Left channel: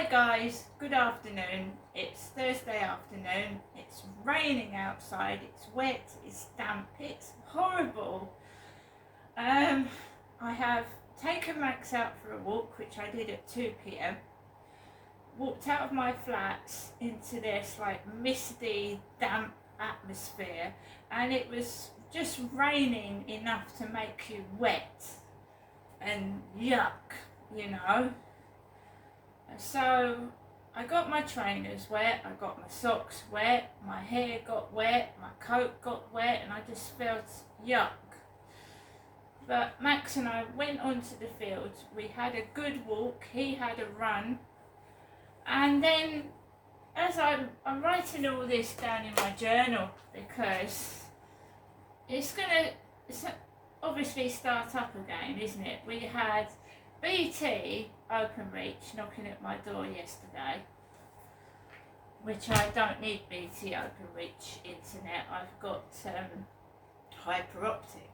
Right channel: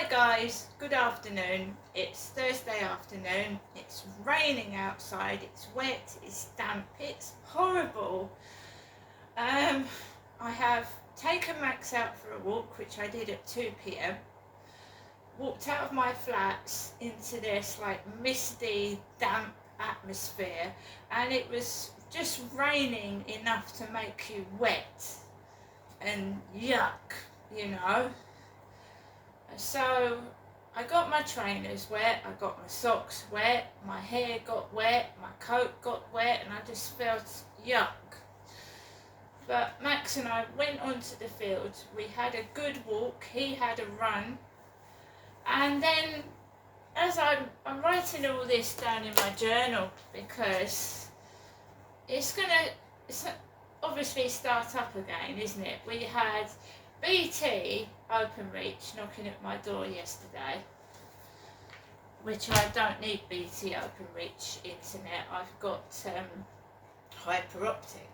Hi guys, good afternoon. It's Thursday afternoon. It's raining outside. It's wet. It's damp. It's horrible. I have taken Max out for a walk, which I did at 2 p.m. Walked out of my flats into this like misty, damp atmosphere, and it was just raining enough to make you wet and yuck, you know. So I got my trainers wet, I got my socks wet, my hair got wet, my coat got wet, and I just felt yuck. But Max and I went onto the field. We had a good walk, he had a run, and then as I'm writing all this down in my journal because it's obviously start up again, isn't it? We had BT Openreach knocking at my door yesterday, which I don't need BT Openreach internet. I've got hyper optic.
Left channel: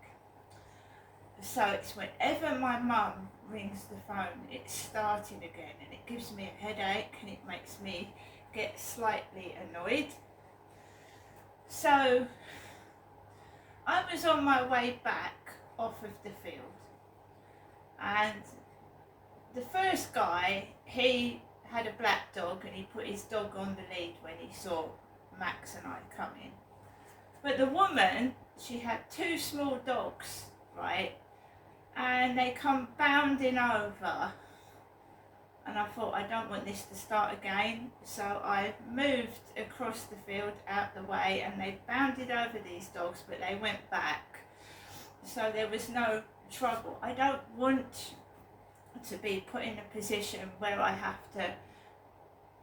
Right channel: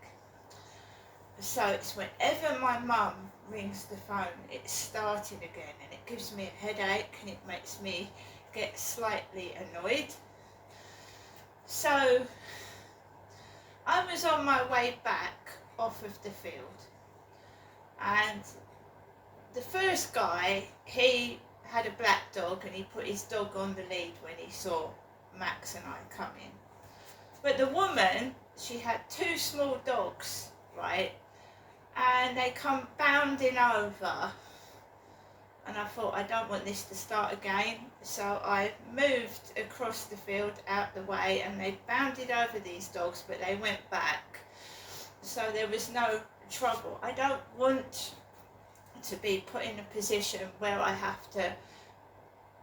So it's whenever my mum rings the phone, it's starting again, and it gives me a headache and it makes me get slightly annoyed. So I was on my way back off of the field, and the first guy, he had a black dog and he put his dog on the lead when he saw Max and I come in. But the woman, she had two small dogs, right? And they come bounding over. And I thought, I don't want this to start again. So I moved across the field out the way, and they bounded over these dogs, but they went back. So there was no trouble. I don't want to be put in a position where I have to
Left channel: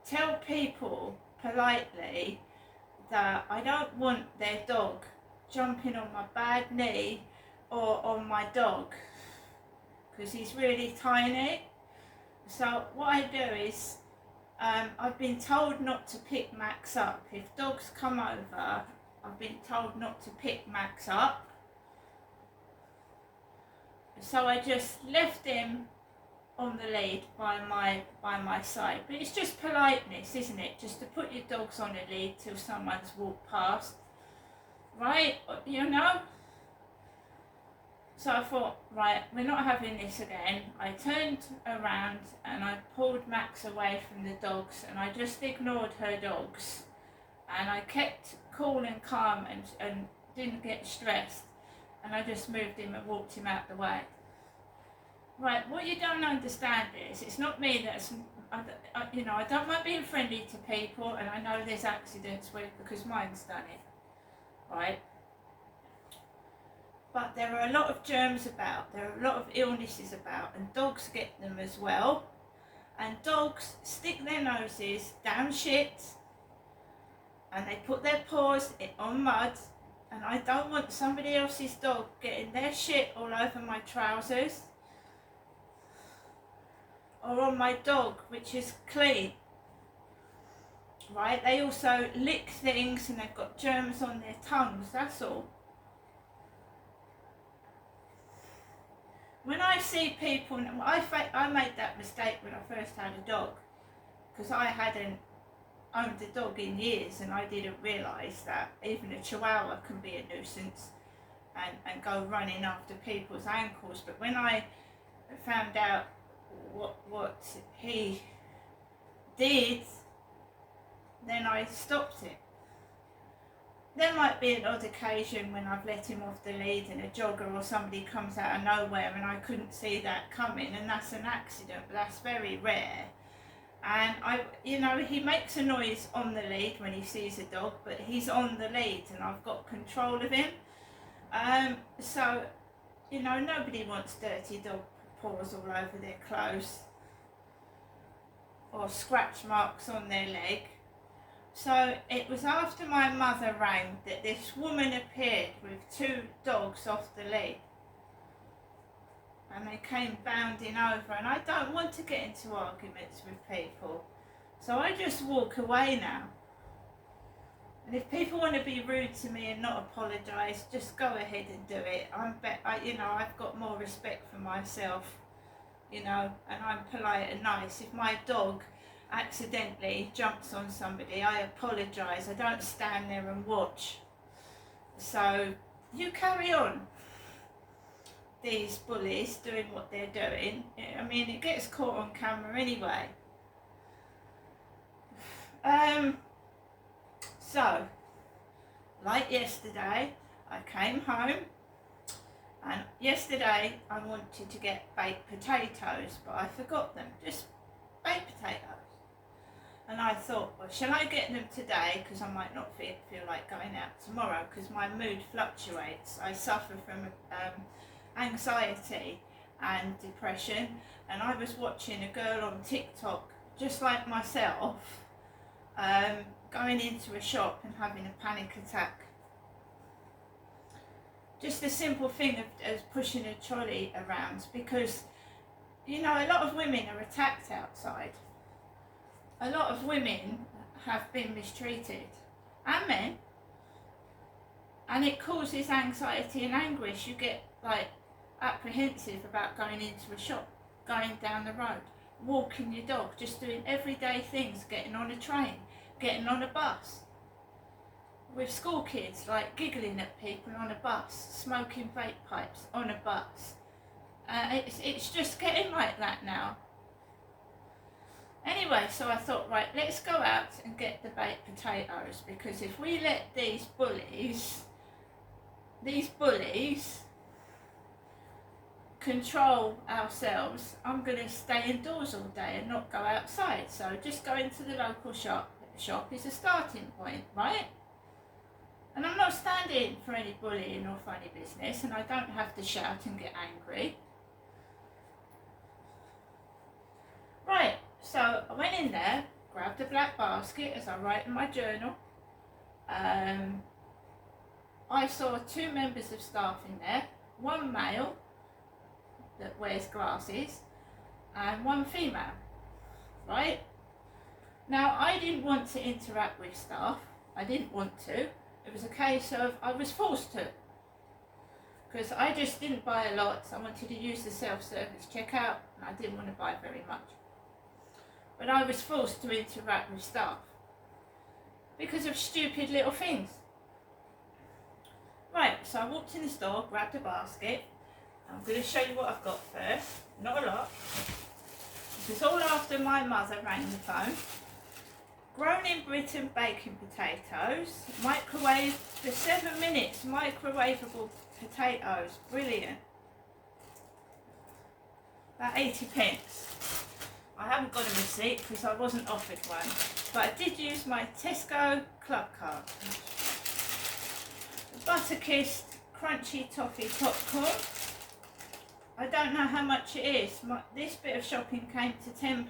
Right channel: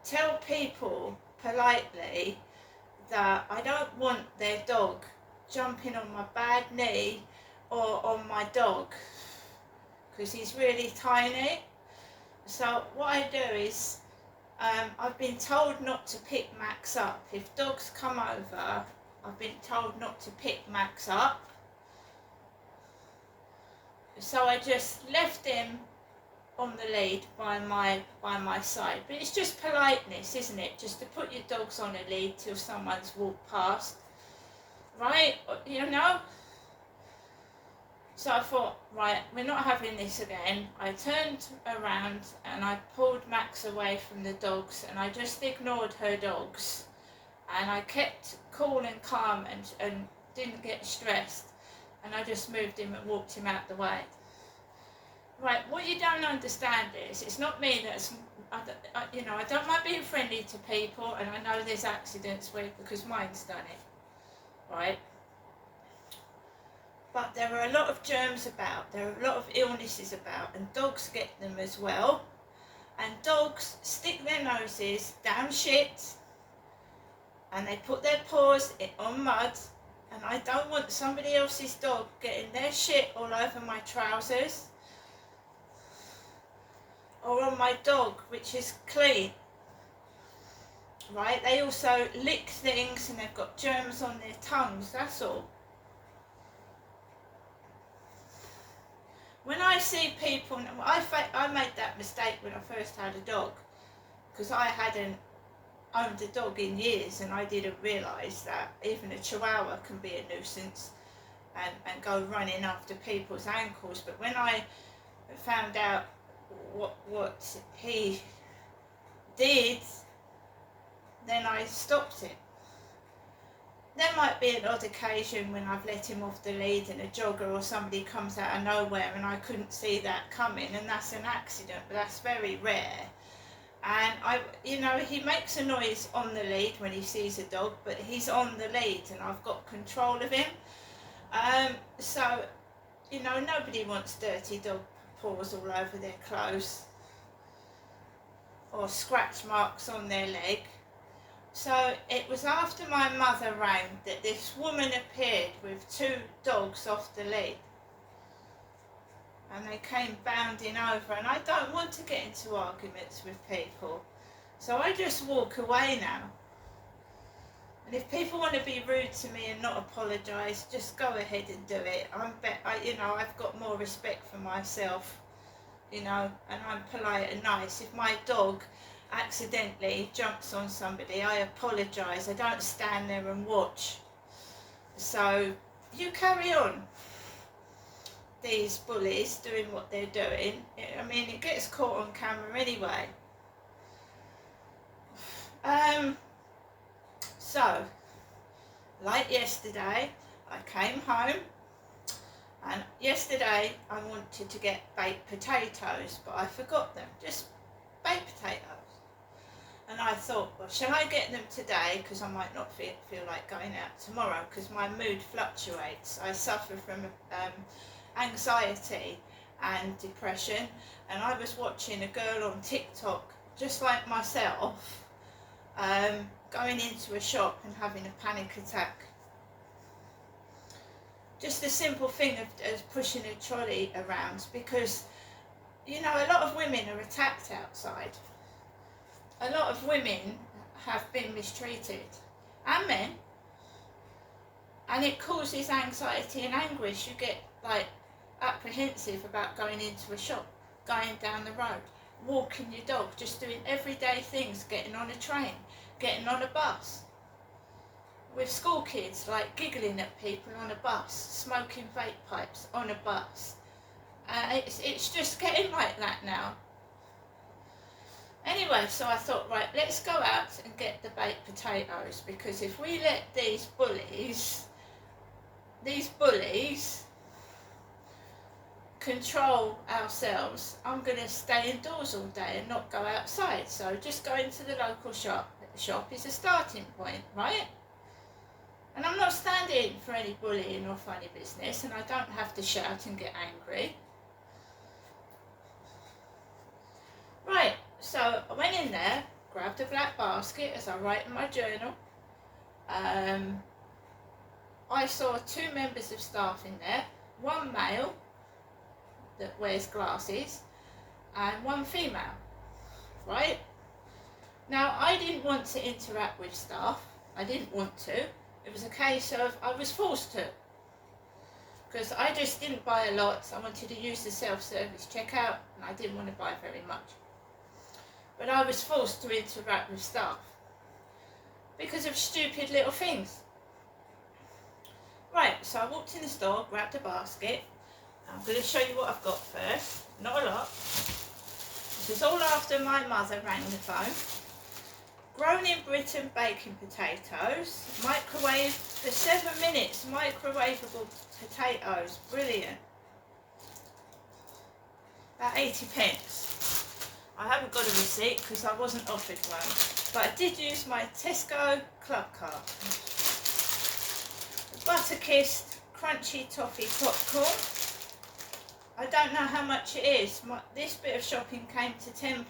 tell people politely that I don't want their dog jumping on my bad knee or on my dog, because he's really tiny. So what I do is I've been told not to pick Max up. If dogs come over, I've been told not to pick Max up. So I just left him on the lead by my side. But it's just politeness, isn't it? Just to put your dogs on a lead till someone's walked past, right? You know? So I thought, right, we're not having this again. I turned around and I pulled Max away from the dogs, and I just ignored her dogs, and I kept cool and calm and didn't get stressed, and I just moved him and walked him out the way. Right, what you don't understand is, it's not me that's, I don't mind being friendly to people, and I know there's accidents because mine's done it, right? But there are a lot of germs about, there are a lot of illnesses about, and dogs get them as well. And dogs stick their noses down shit, and they put their paws on mud, and I don't want somebody else's dog getting their shit all over my trousers, or on my dog, which is clean, right? They also lick things and they've got germs on their tongues, that's all. When I see people, I made that mistake when I first had a dog, because I hadn't owned a dog in years, and I didn't realise that even a Chihuahua can be a nuisance and go running after people's ankles. But when I found out what he did, then I stopped it. There might be an odd occasion when I've let him off the lead and a jogger or somebody comes out of nowhere and I couldn't see that coming, and that's an accident, but that's very rare. And he makes a noise on the lead when he sees a dog, but he's on the lead and I've got control of him. So nobody wants dirty dog paws all over their clothes or scratch marks on their leg. So it was after my mother rang that this woman appeared with two dogs off the lead, and they came bounding over, and I don't want to get into arguments with people, so I just walk away now. And if people want to be rude to me and not apologise, just go ahead and do it. I've got more respect for myself, and I'm polite and nice. If my dog accidentally jumps on somebody, I apologise. I don't stand there and watch. So you carry on, these bullies doing what they're doing. I mean, it gets caught on camera anyway. So, like yesterday, I came home, and yesterday I wanted to get baked potatoes, but I forgot them, just baked potatoes. And I thought, well, shall I get them today, because I might not feel like going out tomorrow, because my mood fluctuates. I suffer from anxiety and depression, and I was watching a girl on TikTok, just like myself, going into a shop and having a panic attack. Just the simple thing of pushing a trolley around, because, you know, a lot of women are attacked outside. A lot of women have been mistreated, and men, and it causes anxiety and anguish. You get like apprehensive about going into a shop, going down the road, walking your dog, just doing everyday things, getting on a train, getting on a bus. With school kids, like giggling at people on a bus, smoking vape pipes on a bus. It's just getting like that now. Anyway, so I thought, right, let's go out and get the baked potatoes, because if we let these bullies control ourselves, I'm going to stay indoors all day and not go outside. So just going to the local shop. The shop is a starting point, right? And I'm not standing for any bullying or funny business, and I don't have to shout and get angry. Right, so I went in there, grabbed a black basket, as I write in my journal. I saw 2 members of staff in there, one male that wears glasses and one female, right? Now, I didn't want to interact with staff. I didn't want to. It was a case of I was forced to, because I just didn't buy a lot. I wanted to use the self-service checkout, and I didn't want to buy very much. But I was forced to interact with staff because of stupid little things. Right, so I walked in the store, grabbed a basket. I'm going to show you what I've got first. Not a lot. This is all after my mother rang the phone. Grown in Britain baking potatoes, microwave for 7 minutes, microwavable potatoes, brilliant. About 80p. I haven't got a receipt because I wasn't offered one, but I did use my Tesco club card. Butterkist crunchy toffee popcorn. I don't know how much it is. This bit of shopping came to £10.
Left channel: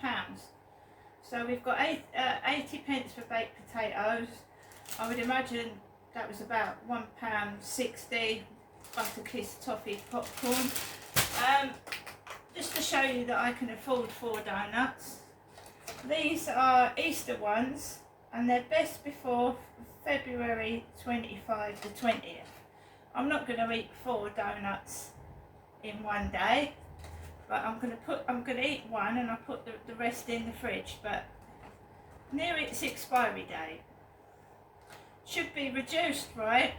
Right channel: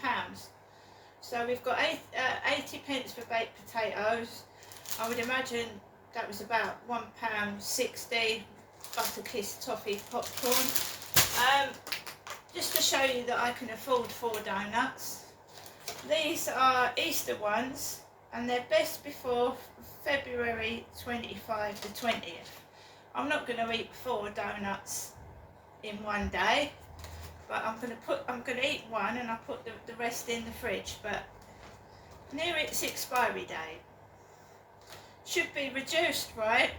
So we've got 80p for baked potatoes. I would imagine that was about £1.60 Butterkist toffee popcorn. Just to show you that I can afford 4 donuts. These are Easter ones, and they're best before February 25 the 20th. I'm not going to eat 4 donuts in one day, but I'm going to eat one and I'll put the rest in the fridge, but near its expiry date. Should be reduced, right?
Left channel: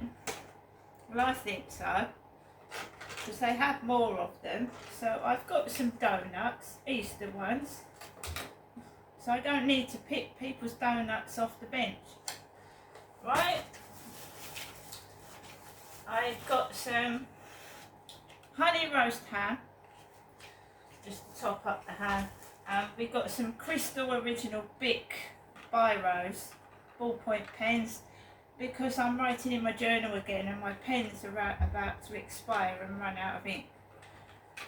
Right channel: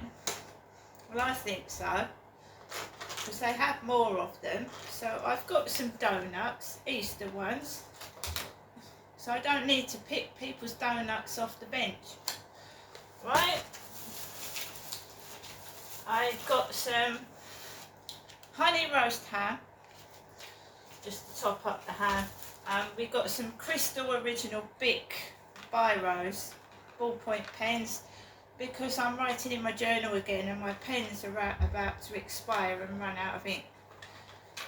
Well, I think so, because they have more of them. So I've got some donuts, Easter ones, so I don't need to pick people's donuts off the bench, right? I've got some honey roast ham, just to top up the ham. We've got some Crystal Original Bic Biros ballpoint pens, because I'm writing in my journal again and my pens are about to expire and run out of ink.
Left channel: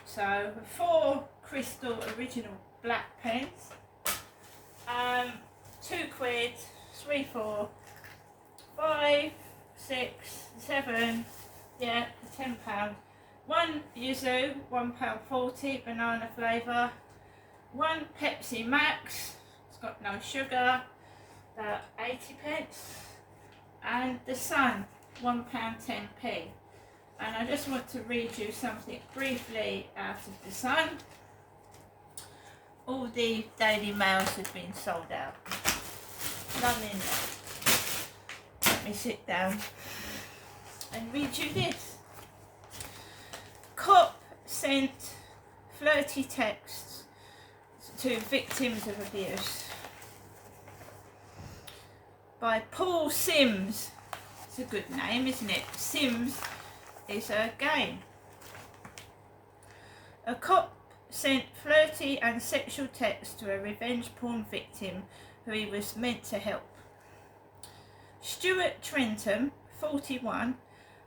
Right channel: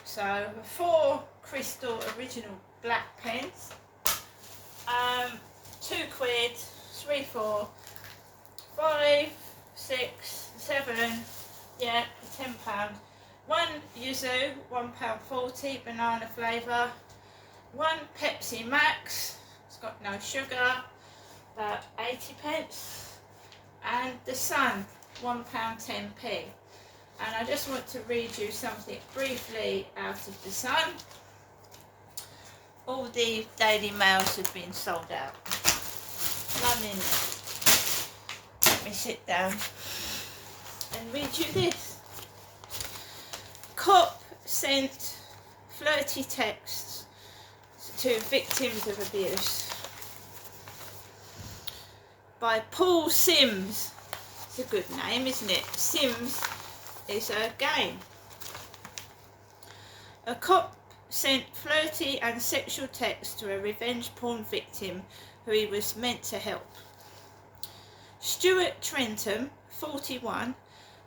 So 4 Crystal Original black pens, £2, 3, 4, 5, 6, 7, yeah, £10. 1 Yuzu, £1.40 banana flavour. 1 Pepsi Max, it's got no sugar, about 80p. And the Sun, £1.10p. And I just want to read you something briefly out of the Sun. all the Daily Mails have been sold out. None in there. Let me sit down and read you this. Cop sent flirty texts to victims of abuse. By Paul Sims. It's a good name, isn't it? Sims is a game. A cop sent flirty and sexual texts to a revenge porn victim who he was meant to help. Stuart Trentham, 41,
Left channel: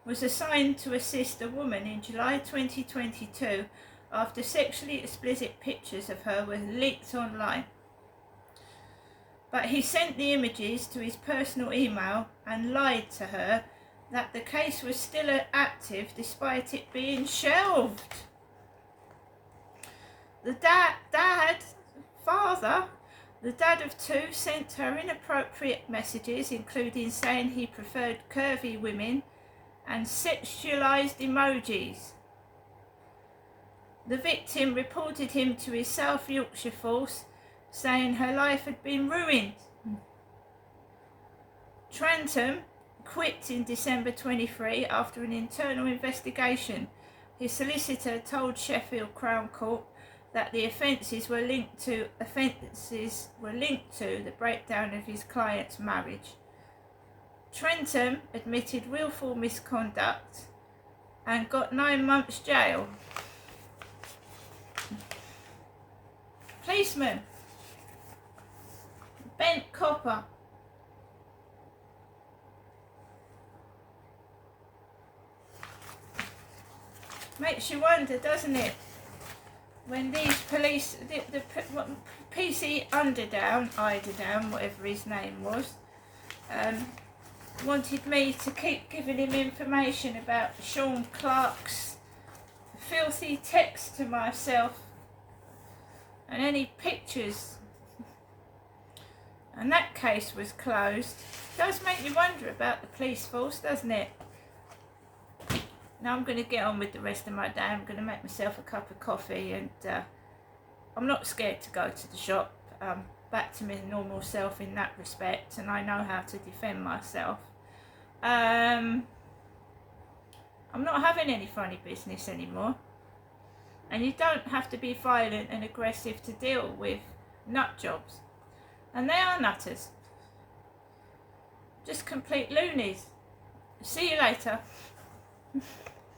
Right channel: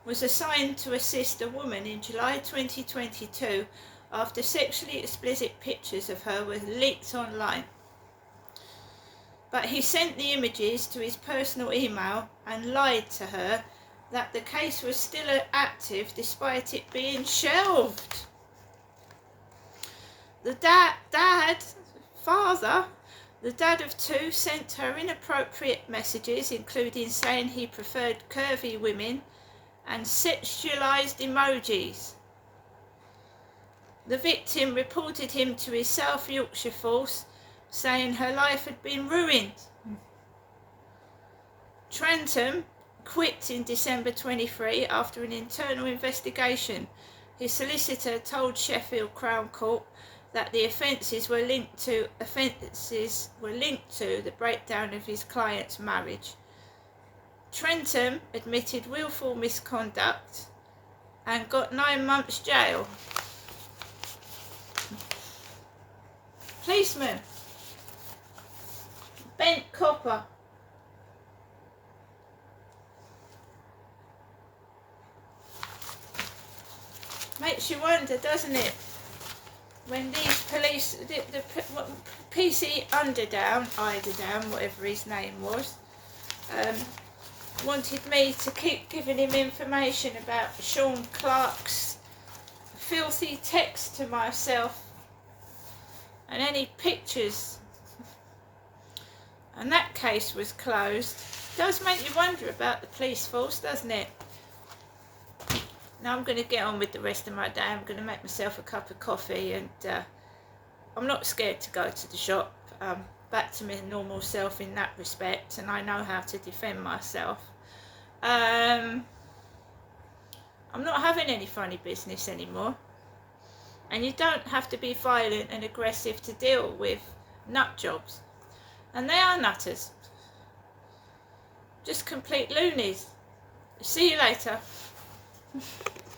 was assigned to assist a woman in July 2022 after sexually explicit pictures of her were leaked online. But he sent the images to his personal email and lied to her that the case was still active despite it being shelved. The dad of two, sent her inappropriate messages, including saying he preferred curvy women and sexualized emojis. The victim reported him to his South Yorkshire force, saying her life had been ruined. Trentham quit in December 23 after an internal investigation. His solicitor told Sheffield Crown Court that the offences were linked to the breakdown of his client's marriage. Trentham admitted willful misconduct and got 9 months jail. Policeman Bent Copper. Makes you wonder, doesn't it? When these police, the PC Eiderdown, whatever his name was, wanted me to keep giving him information about Sean Clark's filthy text to myself and any pictures, and that case was closed. It does make you wonder about the police force, doesn't it? Now I'm going to get on with the rest of my day. I'm going to make myself a cup of coffee, and I'm not scared to go to the shop. Back to my normal self in that respect, and I know how to defend myself. I'm not having any funny business anymore, and you don't have to be violent and aggressive to deal with nut jobs, and they are nutters, just complete loonies. See you later.